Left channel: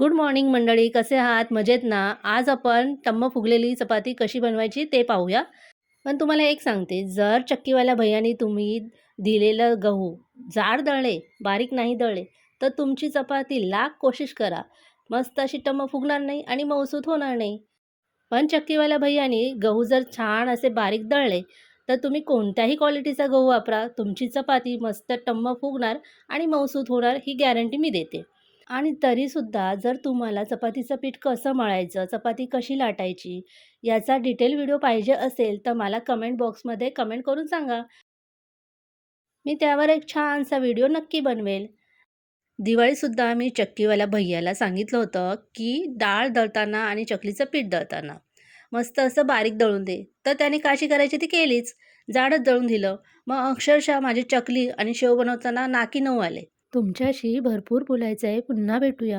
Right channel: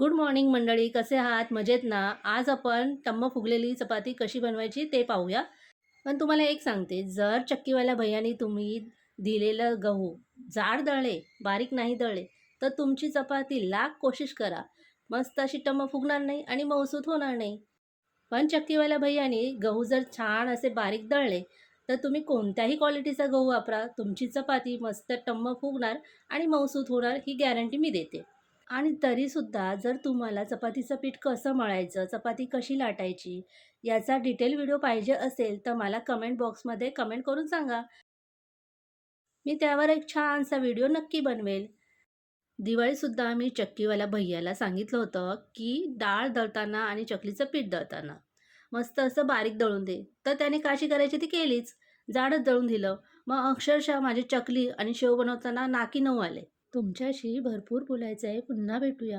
Good morning मंडळी, कसे आहात? मजेत ना? आज आपण टम्म फुगलेली चपाती कशी बनवायची ते पाहूया. पण तुम्हाला एक सांगते, जर चक्कीवाल्या भैय्यानी तुम्ही दिलेलं गहू जाड दळले, बारीक नाही दळले, तर तुमची चपाती लाख कोशिश करा, मस्त अशी टम्म फुगणार नाही आणि मऊसूत होणार नाही. पण चक्कीवाल्या भैय्यानी गहू जर छान असे बारीक दळले, तर तुम्ही कोणत्याही क्वालिटीचा गहू वापरा, तुमची चपाती मस्त टम्म फुगणार आणि मऊसूत होणार ही गॅरंटी मी देते. आणि तरीसुद्धा जर तुम्हाला चपातीचं पीठ कसं मळायचं, चपाती कशी लाटायची, याचा डिटेल व्हिडिओ पाहिजे असेल, तर मला कमेंट बॉक्समध्ये कमेंट करून सांगा. मी त्यावर एक छानसा व्हिडिओ नक्की बनवेल. दिवाळीसुद्धा मी चक्कीवाल्या भैय्याला सांगितलं होतं, की डाळ दळताना आणि चकलीचं पीठ दळताना मस्त असं बारीक दळून दे. तर त्याने काशी करायची ती केलीच. जाडच दळून दिलं. मग अक्षरशः माझी चकली आणि शेव बनवताना नाकी नऊ आले. तुमच्याशी भरपूर बोलायचं आहे. पुन्हा भेटूया.